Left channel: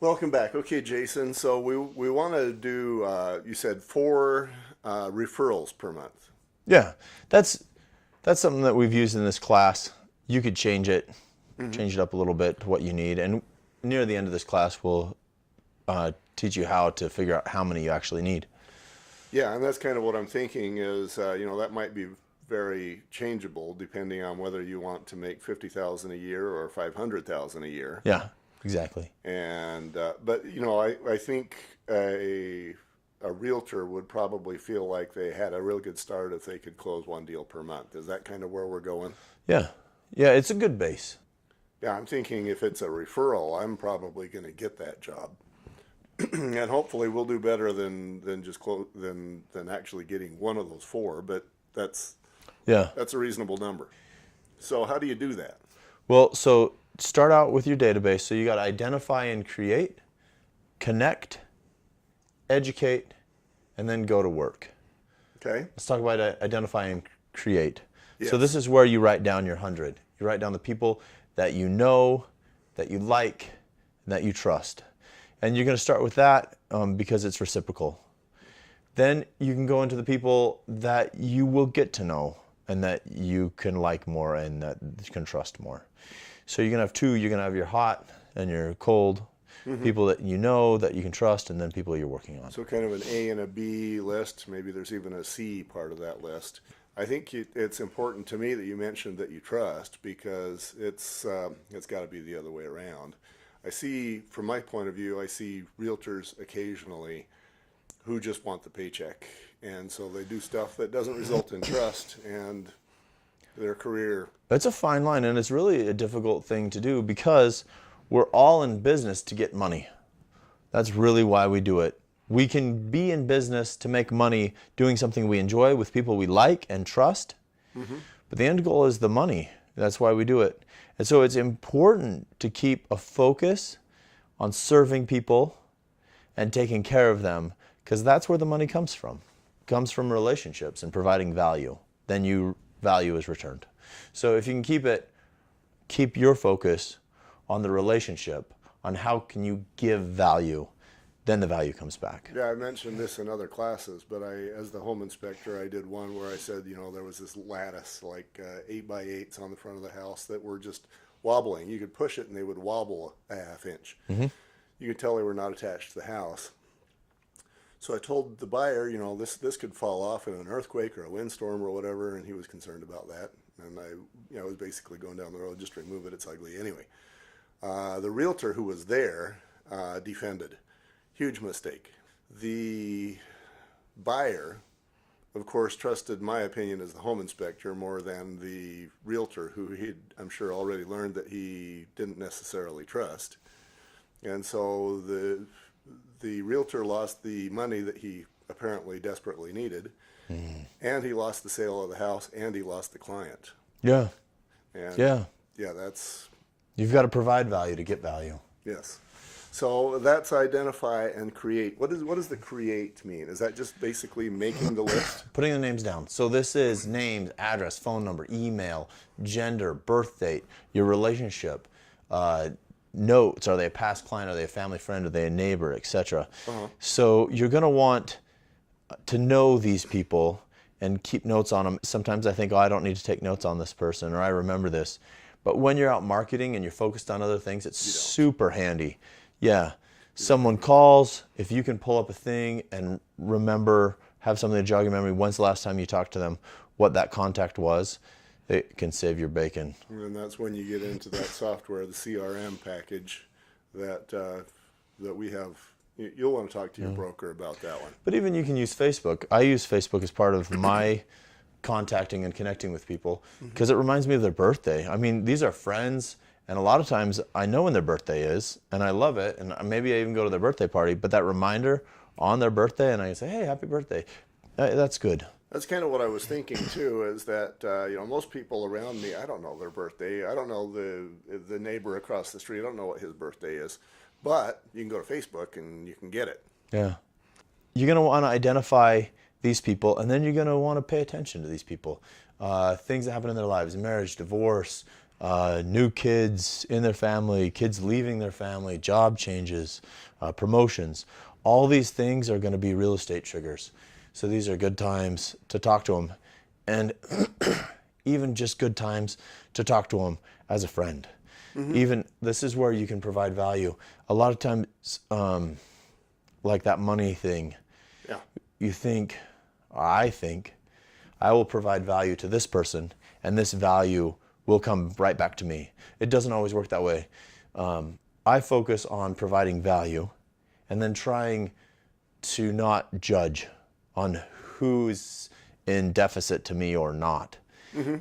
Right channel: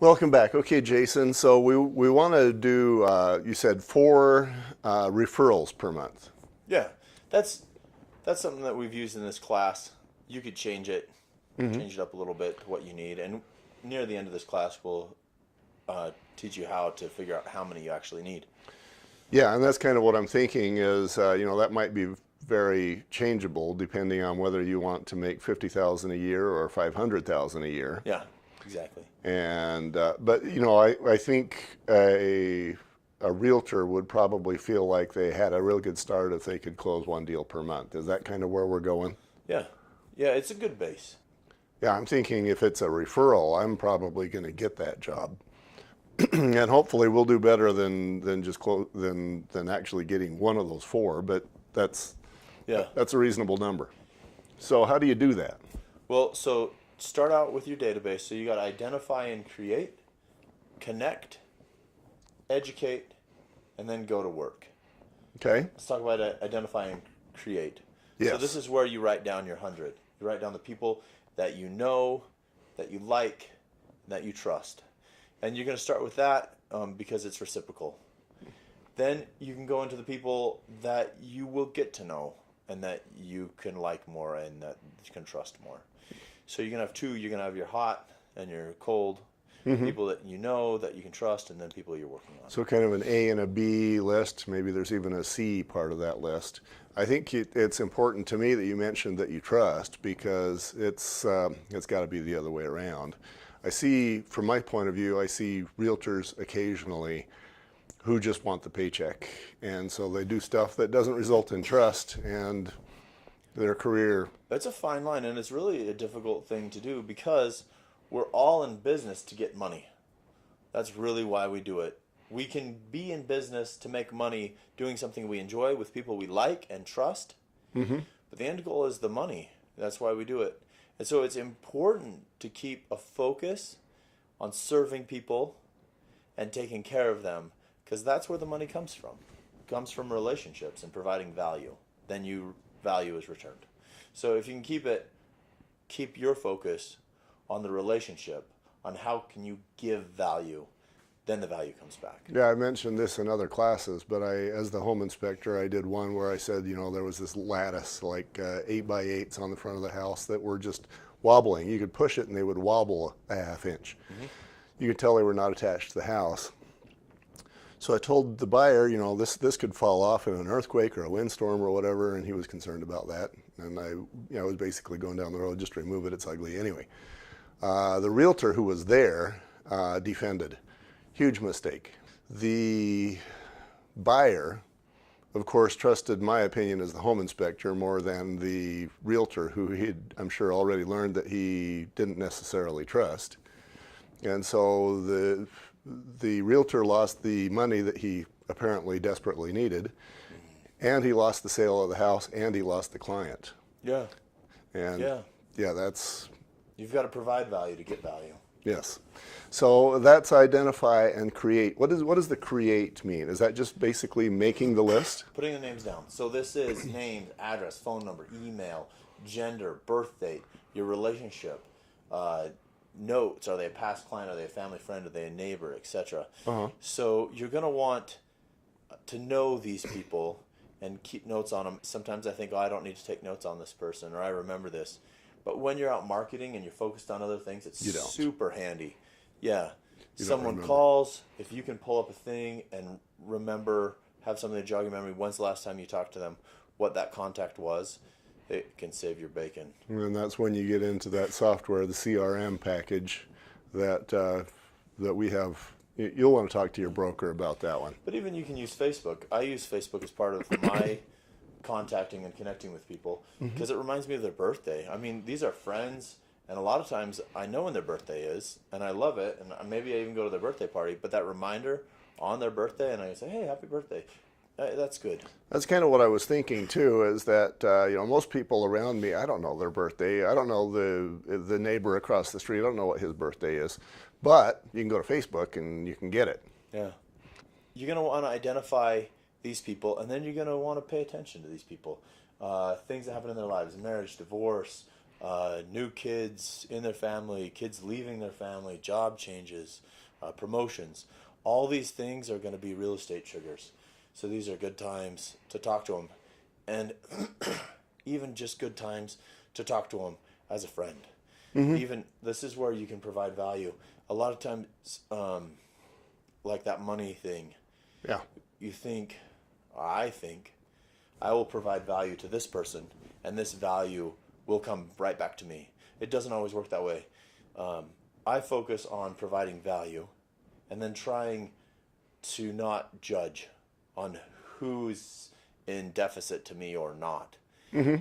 Welcome back. Okay, Jason. So we want to do. You said four referrals per month. Yeah, that's that's something that we've used in this class. You could change it up a little bit to what you need, and near the end of this class, we'll teach you how to figure out how many you actually need. Yeah, and that's kind of what I'm thinking. Is that might be very changeable depending on whether you want to make 50,000 a year or 500,000 a year. Yeah, exactly. And but I think a realtor would probably feel like they had a real good start if they could close one deal per month. Is that kind of where we're going? Yeah, yeah, it's a good base. Yeah, I'm thinking if it's a referral, I'm probably going to get that job, and hopefully we'll do better than just than actually getting one of those four. But that's Yeah. that's a reasonable number. So how do you do that? Well, so start out with your database. So you got to identify and create, connect, educate, and then go to work. Okay. Let's talk about identify and create. Yes. So this is where you write down your 100. You write down the people that you know, that you like, and that you trust. And you're going to start with that because it's reciprocal. Then you can go into the people that you will get to know and that you can like more and that you can trust more. So you're going to have two. You're going to have your hot and your cold, people that you know, that you can trust, and then people you're working on. So kind of an A and a B list. Maybe there's even a C part of that list. I think it's important to me that you mentioned that you trust because it's got to be the other way around. I see, from my point of view, I see realtors occasionally who just want the paycheck, and so they do stuff that doesn't result in trust and their career. That's a fine line, and it's really a difficult thing to do because we're all in business to get money. That's really why we do it. We can be in business to make money doing something we enjoy with people we like and trust, but the end goal is the money. That's why we do it. And so it's important to keep a focus on serving people and taking care of them because that's where the money comes from. It comes from relationships and providing value. Then value is returned. So if you can keep your focus on the relationship, on how can you give value, then the value comes back. Yeah, I mentioned this in other classes, but as the home inspector, I did one where I said, there was this lattice, like 8x8s on the front of the house that were just wobbling. You could push it and they would wobble a half inch. You could tell they were not attached to the house. So I told the buyer, this could fall off in an earthquake or a windstorm or whatever, and he was concerned about that. And I was basically going down the road, just remove it, it's ugly anyway. The realtor who was there defended. Huge mistake. The buyer, of course, trusted my opinion as the home inspector more than the realtor who he'd, I'm sure, already learned that he didn't necessarily trust. And so the realtor lost the money that he apparently desperately needed, and he lost the sale of the house, and he lost the client. Yeah. And Yeah. that's... You've got to provide value to get value. Yes. So that's identify and create. What does the create mean? Is that just basically making the list? Putting the names down. So this is names, address, phone number, email, gender, birth date, your relationship, notes. Are they a past client? Are they a family friend? Are they a neighbor, etc.? So you're going to want to know these people and keep notes on them. Sometimes I think, I don't need to take notes on this person, or I remember this. But when you're out marketing and you're focused on other things, it's super handy. Yeah. Someone calls, if you can pull up a thing and have something to jog your memory, when's the last time you talked to them, what that contact was, it can save your bacon. And that's when you get into that software, the CRM package that we have. You'll want to talk to your broker about that one. But even you can use Facebook. I use Facebook as part of my contacting and connecting with people because it reminds me of their birthday. I mean, these are friends, and a lot of times I know when their birthday is, and I love it, and maybe I even go to their birthday party, but that reminder on their birthday, and I say, hey, happy birthday, that's good. That's kind of what I was thinking too, is that most people around me, I don't know their birthday. I don't know the neighbor across the street. I don't know what his birthday is. But you can go to Facebook and you can get it. Yeah. You're going to want to identify these people, and then you're going to want to pay attention to these people. Things that happen in their lives, marriage, divorce, new kids in their family, kids leaving their family, job changes, promotions. All these things are going to be real estate triggers. So these are good times to talk to them, and even just good times to talk to them as a friend. Even this is where you can provide value. A lot of times, like that money thing, Yeah. you think, I think, I will provide value to this person, and this value will come right back to me. It doesn't always work that way. I focus on providing value and then trying to not judge on who's in deficit to me or not.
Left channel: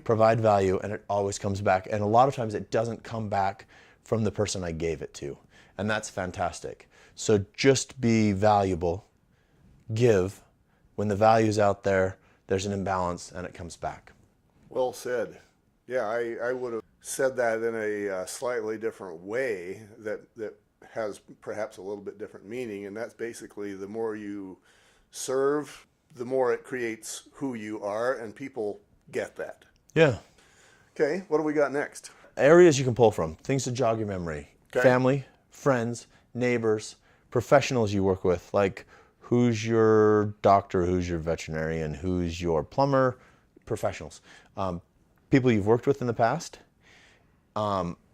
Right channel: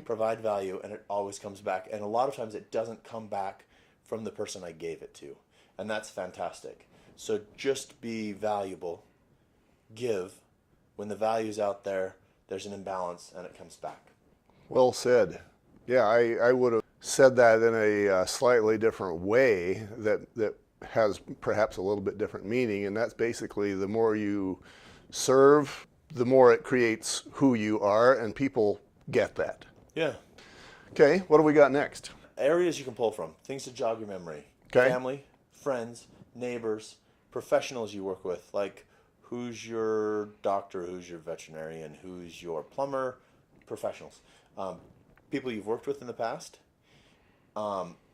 Provide value, and it always comes back. And a lot of times it doesn't come back from the person I gave it to. And that's fantastic. So just be valuable, give. When the value's out there, there's an imbalance and it comes back. Well said. Yeah, I would have said that in a slightly different way that has perhaps a little bit different meaning, and that's basically the more you serve, the more it creates who you are, and people get that. Yeah. Okay, what do we got next? Areas you can pull from, things to jog your memory. Okay. Family, friends, neighbors, professionals you work with, like who's your doctor, who's your veterinarian, who's your plumber, professionals. People you've worked with in the past,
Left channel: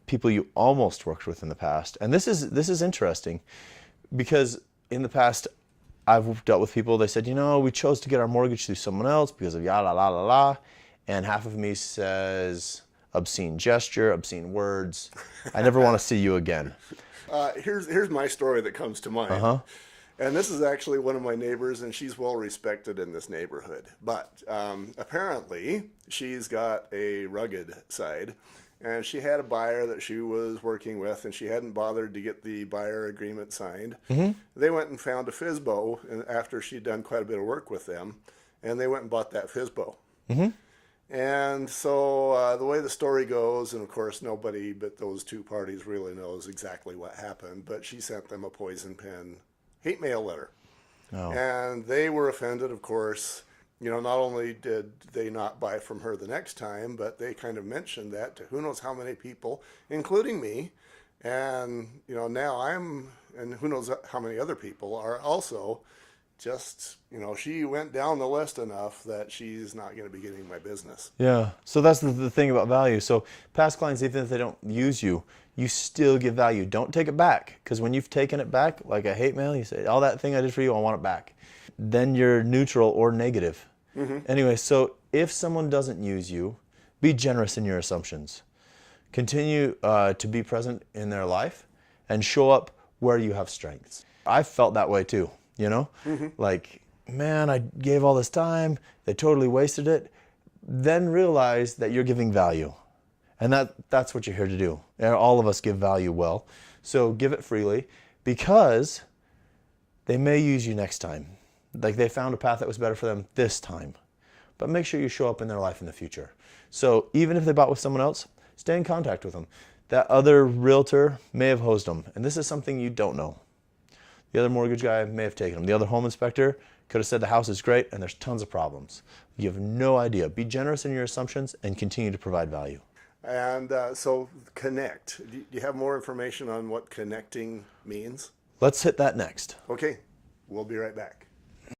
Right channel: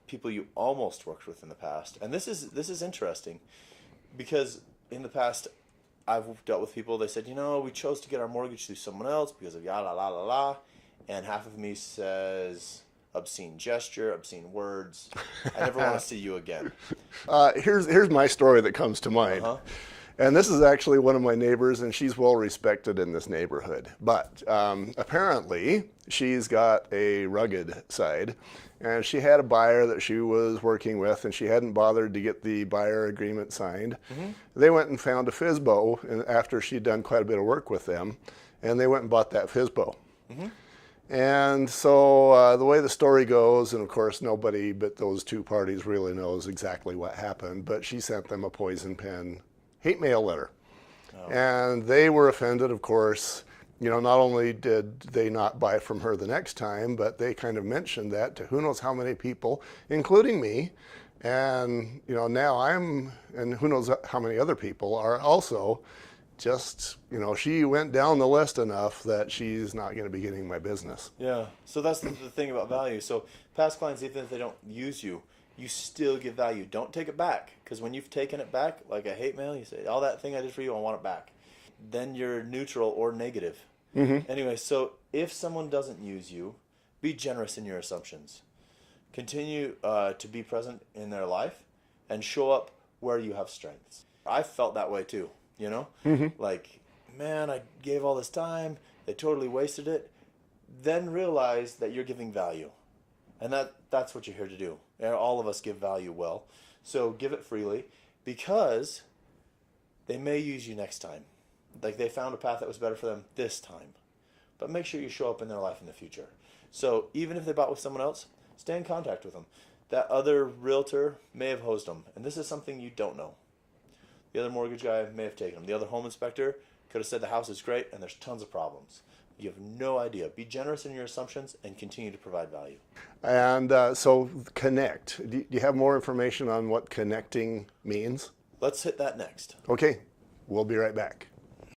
people you almost worked with in the past. And this is interesting because in the past I've dealt with people, they said, we chose to get our mortgage through someone else because of yada la la la. And half of me says obscene gesture, obscene words. I never want to see you again. Here's my story that comes to mind. And this is actually one of my neighbors, and she's well respected in this neighborhood. But apparently, she's got a rugged side, and she had a buyer that she was working with, and she hadn't bothered to get the buyer agreement signed. They went and found a FSBO after she'd done quite a bit of work with them, and they went and bought that FSBO. And so the way the story goes, and of course nobody but those two parties really knows exactly what happened, but she sent them a poison pen hate mail letter. And they were offended, of course. Not only did they not buy from her the next time, but they kind of mentioned that to who knows how many people, including me. And, now and who knows how many other people are also just, she went down the list enough that she's not going to be getting my business. Yeah. So that's the thing about value. So past clients, even if they don't use you, you still give value. Don't take it back, because when you've taken it back, like a hate mail, you say, all that thing I did for you, I want it back. Then you're neutral or negative. Anyway, so if someone doesn't use you, be generous in your assumptions. Continue to be present in their life and show up where you have strengths. I felt that way too, like, man, I gave all this time, they totally wasted it. Then realize that you're giving value. And that's what you're here to do. And all of us give value well. So give it freely, because they may use you next time. Like they found a path that was better for them this time. But make sure you show up in their life in the future. So even if they bought with someone else, stay in contact with them. That other realtor may have hosed them, and this is something you don't know. The other mortgage guy may have taken them. The other home inspector could have said the house is great and there's tons of problems. You have no idea. Be generous in your assumptions and continue to provide value. And so connect. Do you have more information on what connecting means? Let's hit that next. Okay, we'll be right back.